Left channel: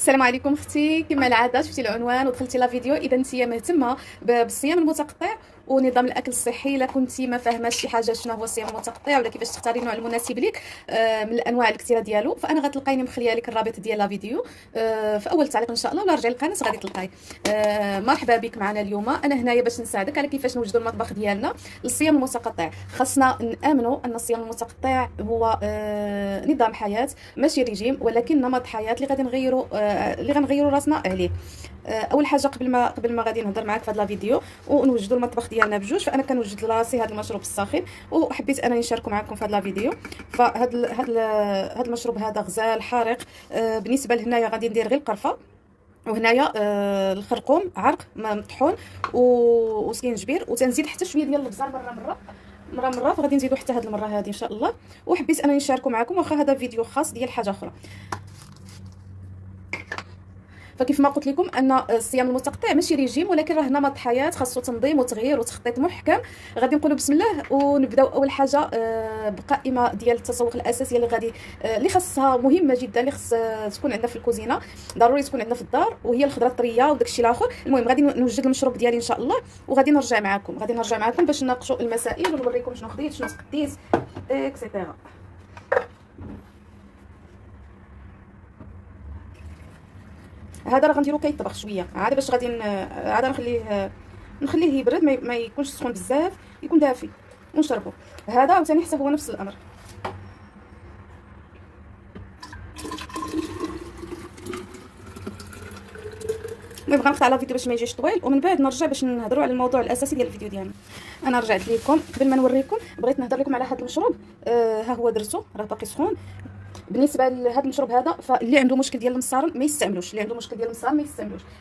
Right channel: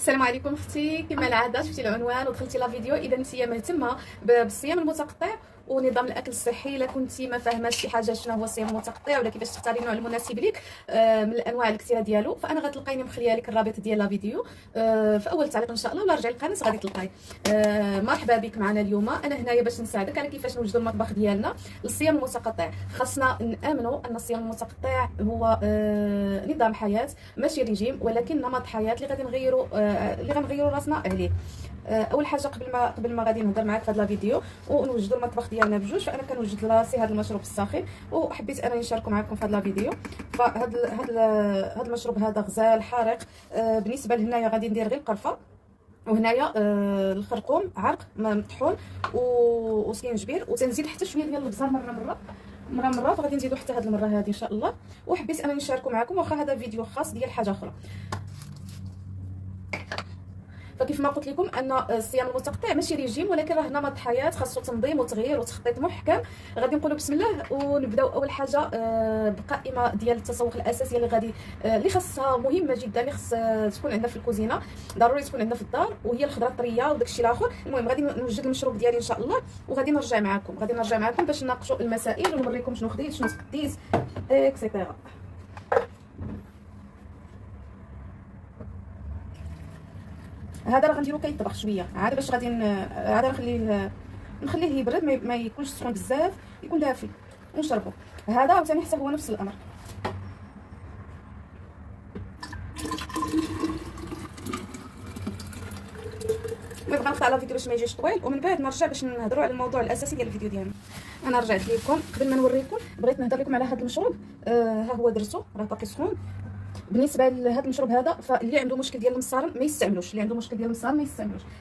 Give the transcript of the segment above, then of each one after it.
السلام عليكم اختي. كما العاده شفتي العنوان ودخلتي لا فيديو. اذا انت مهتمه بالصيام المتقطع ونظام الاكل الصحي، الا كنتي ما فاهماش شي حاجه شنو هو الصيام المتقطع ولا كيفاش تختاري النوع المناسب ليك من الانواع الكثيره ديالو، فانا غتلقايني مخليه لك الرابط ديال لا فيديو في اول تعليق ان شاء الله، ولا رجعي القناه غادي تلقاي. مرحبا بك معنا اليوم. انا هنايا باش نساعدك على كيفاش نوجدوا المطبخ ديالنا للصيام المتقطع. خاصنا نامنوا ان الصيام المتقطع هو نظام حياه ماشي ريجيم، ولكن نمط حياه اللي غنغيروا راسنا عليه. اول حاجه قبل ما غادي نهضر معاك في هذا الفيديو ونوجدوا المطبخ ديالنا بجوج، فانا كنوجد لراسي هذا المشروب الساخن وحبيت انا نشاركه معكم في هذا الفيديو. فهذا المشروب هذا غزال حارق. بالنسبه لهنايا غادي ندير غير القرفه، وهنايا الخرقوم عرق مطحون وسكينجبير، وتنزيد حتى شويه ديال الابزار مره فغادي نزيدو حتى هذه المره هذه ان شاء الله. وحبيت انا نشاركه معكم، واخا هذا فيديو خاص ديال حاجه اخرى. فكيف ما قلت لكم ان الصيام المتقطع ماشي ريجيم، ولكن راه نمط حياه خاصو تنظيم وتغيير وتخطيط محكم. غادي نقولوا بسم الله ونبداو. اول حاجه بقائمه ديال التسوق الاساسيه اللي خاصها مهمه جدا، اللي خاص تكون عندنا في الكوزينه، ضروري تكون عندنا في الدار، وهي الخضره الطريه وداك الشيء الاخر. المهم غادي نوجد المشروب ديالي ان شاء الله، وغادي نرجع معكم باش نناقشوا المسائل ونوريكم شنو خديت شنو سقيت اكسيتيرا. هذا راه غنديرو كيطبخ شويه عاد باش غادي عاد نخليه يبرد، ما يكونش سخون بزاف، يكون دافي ونشربو. هذا عاوتاني حتى هو نفس الامر. المهم غنقطع لا فيديو باش ما يجيش طويل، ومن بعد نرجع باش نهضروا على الموضوع الاساسي ديال الفيديو ديالنا. انا رجعت لكم قبل ما نوريكم، بغيت نهضر لكم على هذا المشروب. ها هو درتو راه باقي سخون. بالنسبه لهذا المشروب هذا، فاللي عنده مشكل ديال المصارن ما يستعملوش،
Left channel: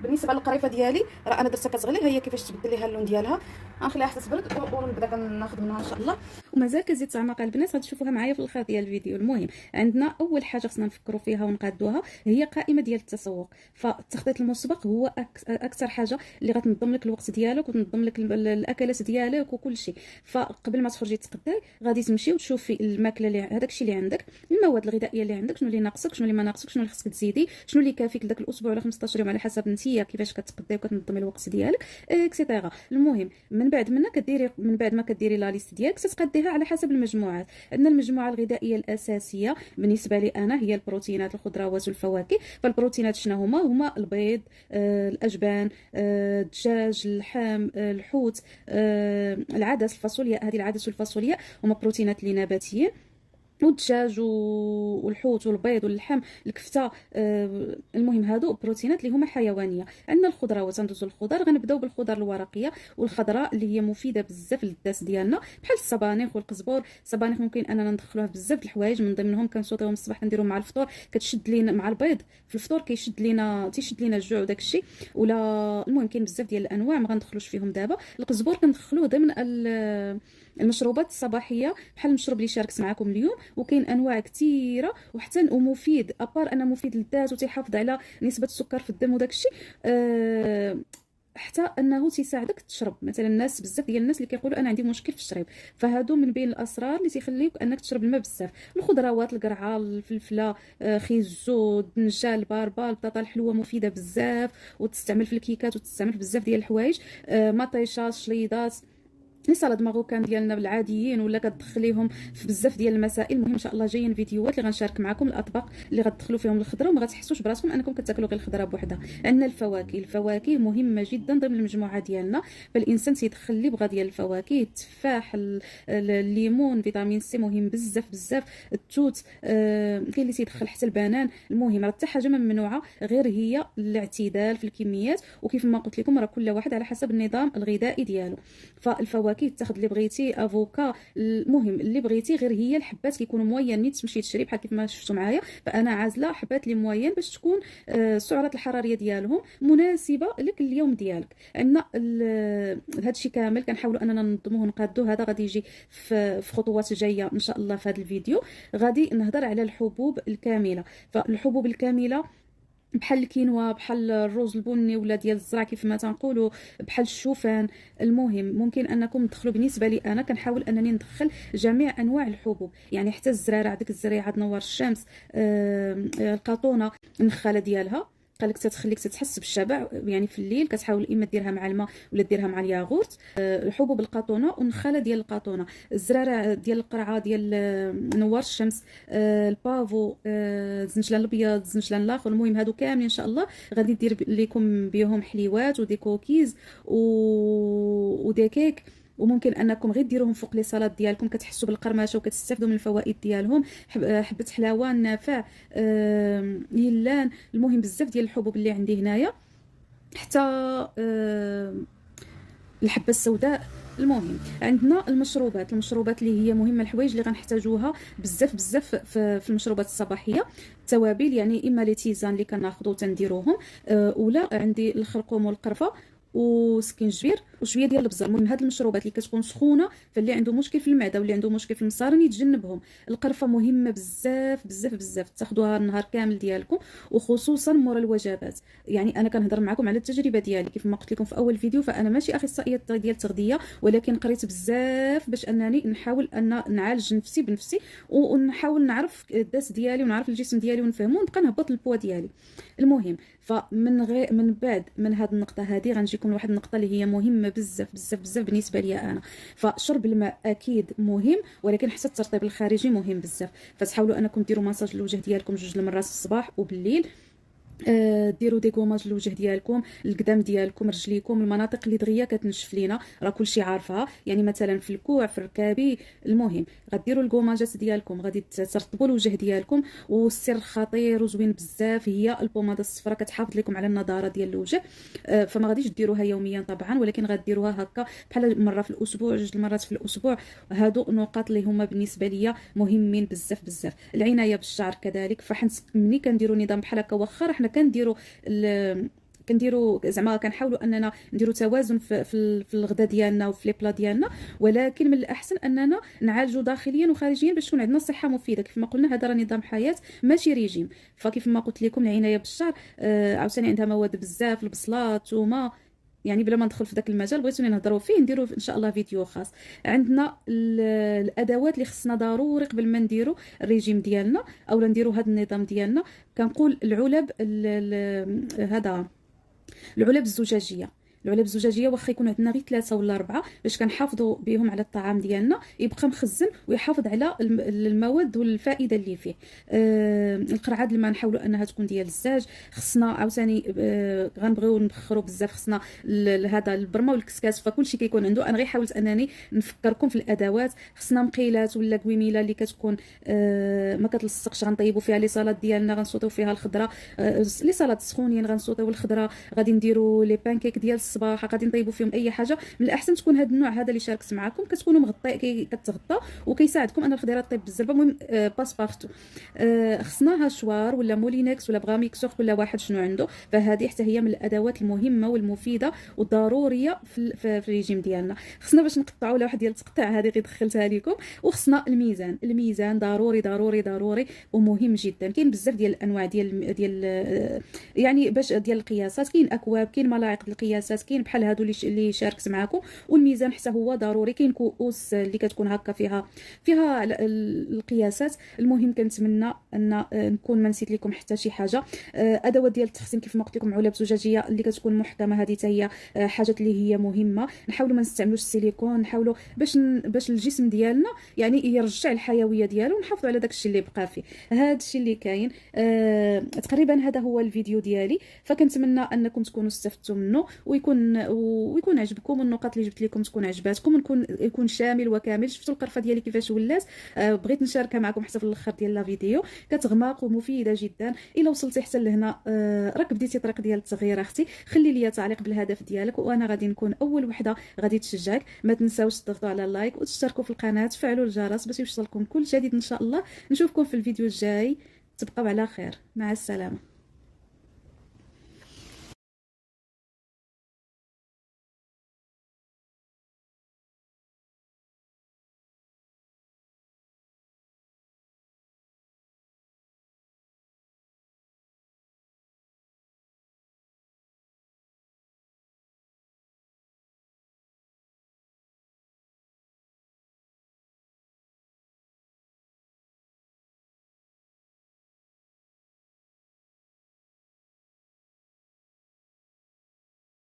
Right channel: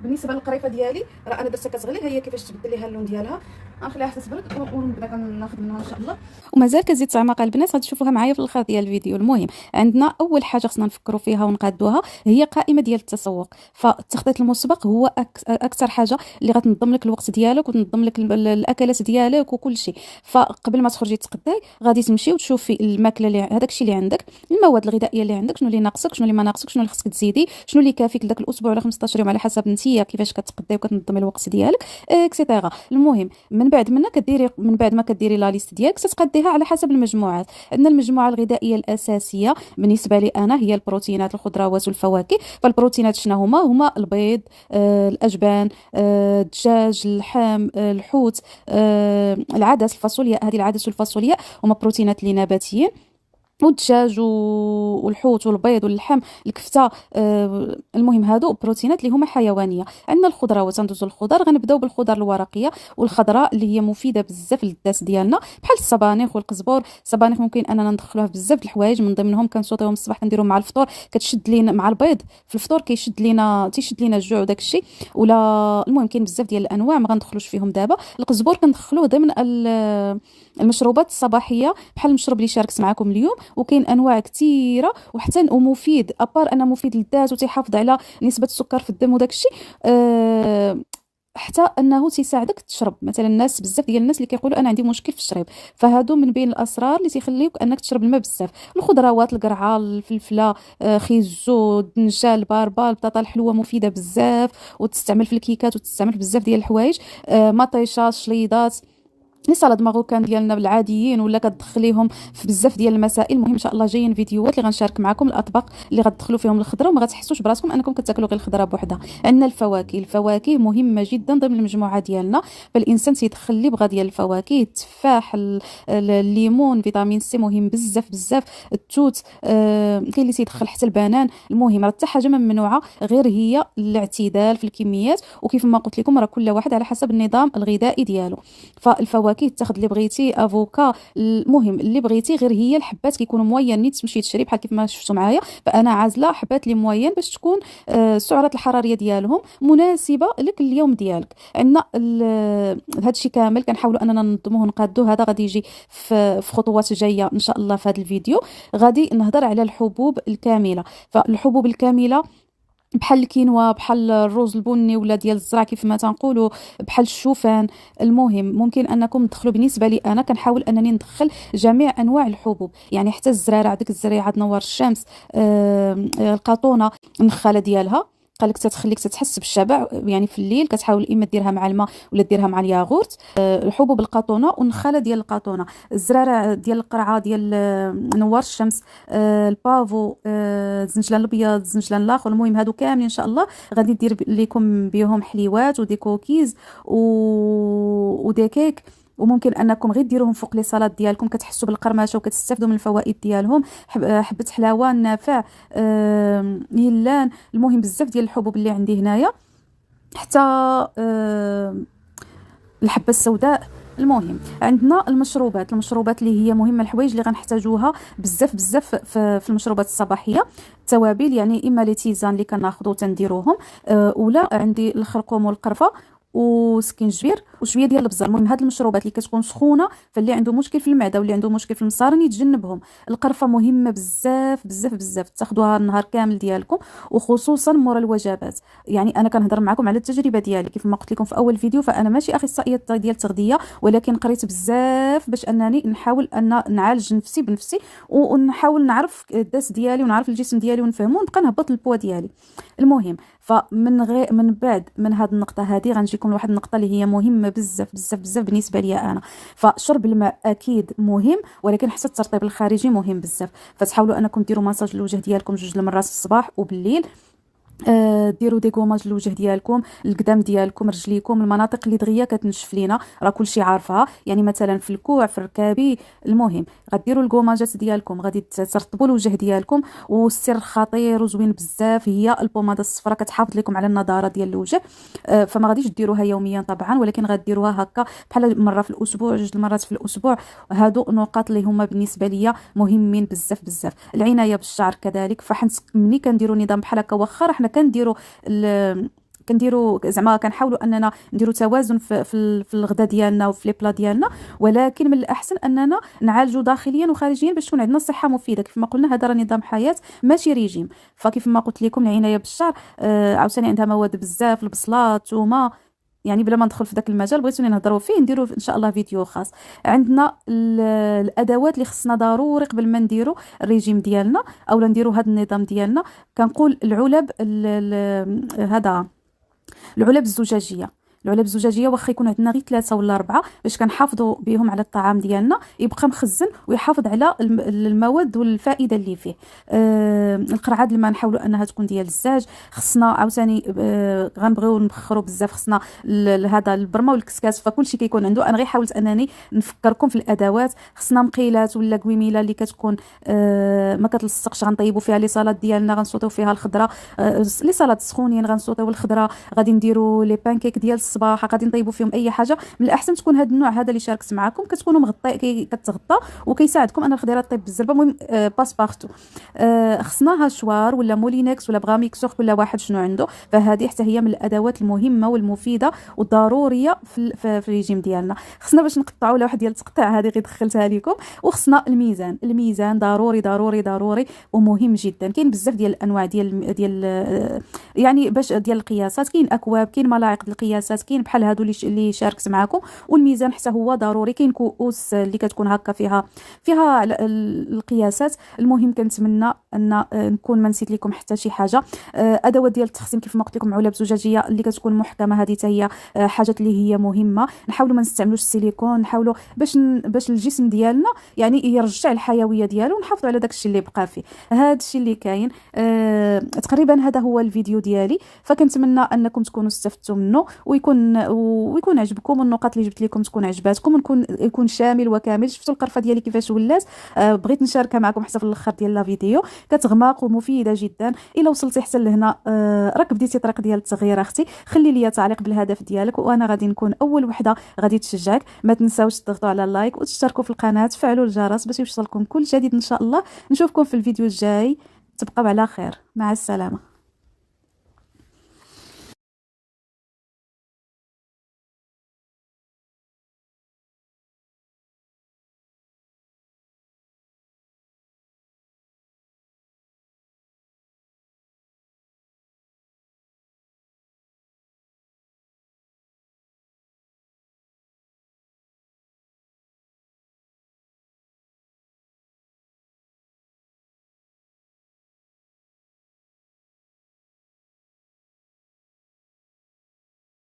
بالنسبه للقريفه ديالي راه انا درتها كتغلي، ها هي كيفاش تبدل ليها اللون ديالها. غنخليها حتى تبرد ونبدا كناخذ منها ان شاء الله. ومازال كتزيد تعمق البنات، غتشوفوها معايا في الاخر ديال الفيديو. المهم عندنا اول حاجه خصنا نفكروا فيها ونقادوها هي قائمه ديال التسوق. فالتخطيط المسبق هو اكثر حاجه اللي غتنظم لك الوقت ديالك وتنظم لك الاكلات ديالك وكل شيء. فقبل ما تخرجي تقداي غادي تمشي وتشوفي الماكله اللي هذاك الشيء اللي عندك، المواد الغذائيه اللي عندك، شنو اللي ناقصك شنو اللي ما ناقصك، شنو اللي خصك تزيدي، شنو اللي كافيك لذاك الاسبوع ولا 15 يوم على حسب نتيا كيفاش كتقداي وكتنظمي الوقت ديالك اكسيتيرا. المهم من بعد ما كديري لا ليست ديالك تتقديها على حسب المجموعات. عندنا المجموعه الغذائيه الاساسيه بالنسبه لي انا هي البروتينات، الخضروات والفواكه. فالبروتينات شنو هما البيض، الاجبان، الدجاج، اللحم، الحوت، العدس، الفاصولياء. هذه العدس والفاصولياء هما بروتينات اللي نباتيين، والدجاج والحوت والبيض واللحم الكفته. المهم هادو بروتينات اللي هما حيوانيه. عندنا الخضروات، ندوزو للخضر. غنبداو بالخضر الورقيه والخضراء اللي هي مفيده بزاف للداس ديالنا، بحال السبانخ والقزبر. السبانخ ممكن اننا ندخلوها بزاف د الحوايج، من ضمنهم كنسوطيوهم الصباح كنديرهم مع الفطور، كتشد لينا مع البيض في الفطور، تيشد لينا الجوع وداك الشيء. ولا المهم كاين بزاف ديال الانواع ما غندخلوش فيهم دابا. القزبر كندخلوه ضمن المشروبات الصباحيه بحال المشروب اللي شاركت معكم اليوم. وكاين انواع كثيره وحتى ومفيد، ابار انه مفيد للذات وتيحافظ على نسبه السكر في الدم وداك الشيء. حتى انه تيساعدك تشرب. مثلا الناس بزاف ديال الناس اللي كيقولوا انا عندي مشكل في الشرب، فهادو من بين الاسرار اللي تيخليوك انك تشرب الماء بزاف. الخضروات، القرعه، الفلفله، خيزو، الدنجه، الباربه، البطاطا الحلوه مفيده بزاف وتستعمل في الكيكات وتستعمل في بزاف ديال الحوايج. مطيشه، شليضات، لي سالاد ماروكان ديالنا بالعاديين، ولا كتدخليهم في بزاف ديال المسائل. المهم ان شاء الله جايين فيديوهات اللي غنشارك معكم الاطباق اللي غتدخلوا فيهم الخضره وما غتحسوش براسكم انكم كتاكلوا غير الخضره بوحدها. عندنا الفواكه مهمه جدا ضمن المجموعه ديالنا، فالانسان تيدخل اللي بغا ديال الفواكه. التفاح، الليمون، فيتامين سي مهم بزاف. التوت، كاين اللي تيدخل حتى البنان. المهم راه حتى حاجه ما ممنوعه، غير هي الاعتدال في الكميات. وكيف ما قلت لكم راه كل واحد على حسب النظام الغذائي ديالو. فالفواكه تاخذ اللي بغيتي، افوكا، المهم اللي بغيتي، غير هي الحبات كيكونوا موين نيت تمشي تشري بحال كيف ما شفتوا معايا. فانا عازله حبات اللي موين باش تكون السعرات الحراريه ديالهم مناسبه لك اليوم ديالك. عندنا هادشي كامل كنحاولوا اننا ننظموه ونقادوه. هذا غادي يجي في خطوات جايه ان شاء الله. في هذا الفيديو غادي نهضر على الحبوب الكامله. فالحبوب الكامله بحال الكينوا، بحال الرز البني ولا ديال الزرع كيف ما تنقولوا، بحال الشوفان. المهم ممكن انكم تدخلوا. بالنسبه لي انا كنحاول انني ندخل جميع انواع الحبوب، يعني حتى الزراره، عندك الزريعه نوار الشمس، القاطونه النخاله ديالها، قال لك تتخليك تتحس بالشبع يعني في الليل. كتحاول اما ديرها مع الماء ولا ديرها مع الياغورت. الحبوب القطونه والنخاله ديال القطونه، الزرارع ديال القرعه ديال نوار الشمس، البافو، الزنجلان الابيض، الزنجلان الاخر. المهم هادو كاملين ان شاء الله غادي ندير لكم بهم حليوات ودي كوكيز ودي كيك. وممكن انكم غير ديروهم فوق لي صالات ديالكم، كتحسوا بالقرمشه وكتستافدوا من الفوائد ديالهم. حبه حلاوه، نافع، يلان، المهم بزاف ديال الحبوب اللي عندي هنايا، حتى الحبه السوداء. المهم عندنا المشروبات اللي هي مهمه، الحوايج اللي غنحتاجوها بزاف بزاف في المشروبات الصباحيه. التوابل يعني اما لي تيزان اللي كناخذو تنديروهم، ولا عندي الخرقوم والقرفه وسكينجبير وشويه ديال البزر. المهم هاد المشروبات اللي كتكون سخونه، فاللي عنده مشكل في المعده واللي عنده مشكل في المصارين يتجنبهم. القرفه مهمه بزاف بزاف بزاف، تاخذوها النهار كامل ديالكم وخصوصا مورا الوجبات. يعني انا كنهضر معكم على التجربه ديالي، كيف ما قلت لكم في اول فيديو فانا ماشي اخصائيه ديال التغذيه، ولكن قريت بزاف باش انني نحاول ان نعالج نفسي بنفسي، ونحاول نعرف الداس ديالي ونعرف الجسم ديالي ونفهمو ونبقى نهبط البوا ديالي. المهم من بعد من هذه النقطه هذه غنجيكم لواحد النقطه اللي هي مهمه بزاف بزاف بزاف بالنسبه لي انا. فشرب الماء اكيد مهم، ولكن حتى الترطيب الخارجي مهم بزاف. فتحاولوا انكم ديروا مساج للوجه ديالكم 2 المرات في الصباح وبالليل. ديروا دي كوماج للوجه ديالكم، القدام ديالكم، رجليكم، المناطق اللي دغيا كتنشف لينا، راه كلشي عارفها. يعني مثلا في الكوع، في الركابي. المهم غديروا الكوماجات ديالكم، غادي ترطبوا الوجه ديالكم. والسر خطير وزوين بزاف هي البوماده الصفراء، كتحافظ لكم على النضاره ديال الوجه. فما غاديش ديروها يوميا طبعا، ولكن غديروها هكا بحال مره في الاسبوع، 2 المرات في الاسبوع. هادو نقاط اللي هما بالنسبه ليا مهمين بزاف بزاف. العنايه بالشعر كذلك، فحنت ملي كنديروا نظام بحال هكا، واخا حنا كنديروا زعما كنحاولوا اننا نديروا توازن في الغداء ديالنا وفي لي بلا ديالنا، ولكن من الاحسن اننا نعالجوا داخليا وخارجيا باش تكون عندنا صحه مفيده. كيف ما قلنا هذا راه نظام حياه ماشي ريجيم. فكيف ما قلت لكم العنايه بالشعر عاوتاني عندها مواد بزاف، البصله، الثومه. يعني بلا ما ندخل في ذاك المجال، بغيتوني نهضروا فيه نديروا ان شاء الله فيديو خاص. عندنا الادوات اللي خصنا ضروري قبل ما نديروا الريجيم ديالنا او نديروا هذا النظام ديالنا. كنقول العلب، هذا العلب الزجاجيه. واخا يكون عندنا غير 3 ولا 4 باش كنحافظوا بهم على الطعام ديالنا، يبقى مخزن ويحافظ على المواد والفائده اللي فيه. القرعه الماء نحاولوا انها تكون ديال الزاج. خصنا عاوتاني غنبغيو نبخروا بزاف، خصنا هذا البرمه والكسكاس، فكلشي كيكون عنده. انا غير حاولت انني نفكركم في الادوات. خصنا مقيلات ولا كويميله اللي كتكون ما كتلصقش، غنطيبوا فيها لي صالات ديالنا، غنصوطيو فيها الخضره، لي صالات سخونين غنصوطيو الخضره، غادي نديروا لي بانكيك ديال الصباح، غادي نطيبوا فيهم اي حاجه. من الاحسن تكون هذا النوع هذا اللي شاركت معكم كتكونوا مغطي، كتغطى وكيساعدكم ان الخضيره طيب بالزربه. المهم باسبارتو. خصنا هاشوار ولا مولينكس ولا بغاميكسور، كل واحد شنو عنده. فهذه حتى هي من الادوات المهمه والمفيده والضروريه في الريجيم ديالنا. خصنا باش نقطعوا ولا واحد ديال التقطيع هذه غير دخلتها لكم. وخصنا الميزان ضروري ضروري ضروري ومهم جدا. كاين بزاف ديال الانواع ديال يعني باش ديال القياسات، كاين اكواب، كاين ملاعق ديال القياسات، كاين بحال هادو اللي شاركت معكم. والميزان حتى هو ضروري. كاين كؤوس اللي كتكون هكا فيها القياسات. المهم كنتمنى ان نكون ما نسيت لكم حتى شي حاجه. ادوات ديال التخزين كيف ما قلت لكم، علب زجاجيه اللي كتكون محكمه، هذه حتى هي حاجات اللي هي مهمه. نحاولوا ما نستعملوش السيليكون، نحاولوا باش الجسم ديالنا يعني يرجع الحيويه ديالو، ونحافظوا على داك الشيء اللي بقى فيه. هذا الشيء اللي كاين. تقريبا هذا هو الفيديو ديالي. فكنتمنى انكم تكونوا استفدتوا منه ويكون عجبكم، والنقاط اللي جبت لكم تكون عجباتكم، يكون شامل وكامل. شفتوا القرفه ديالي كيفاش ولات؟ بغيت نشاركها معكم حتى في الاخر ديال لا فيديو. كتغماق ومفيده جدا. الا وصلتي حتى لهنا راك بديتي طريق ديال التغيير اختي، خلي لي تعليق بالهدف ديالك وانا غادي نكون اول وحده غادي تشجعك. ما تنساوش تضغطوا على اللايك وتشتركوا في القناه، تفعلوا الجرس باش يوصلكم كل جديد ان شاء الله. نشوفكم في الفيديو الجاي. تبقوا على خير، مع السلامه.